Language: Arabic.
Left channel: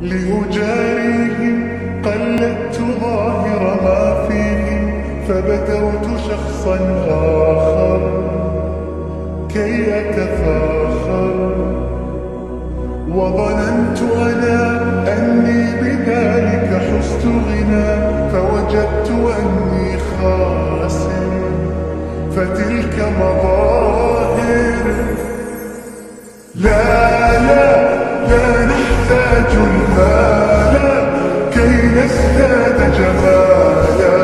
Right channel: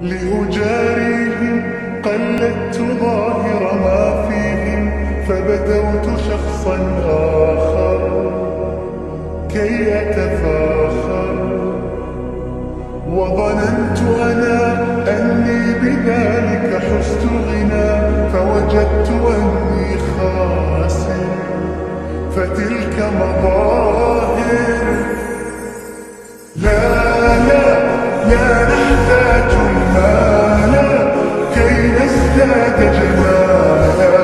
لأجاريهم قلدت ظاهر ما فيهم، فبدوت شخصا آخر كي أتفاخر، وظننت أنا أني بذلك حزت غنى، فوجدت أني خاسر، فتلك مظاهر. لا لا لا نحتاج المال كي نزداد جمالا،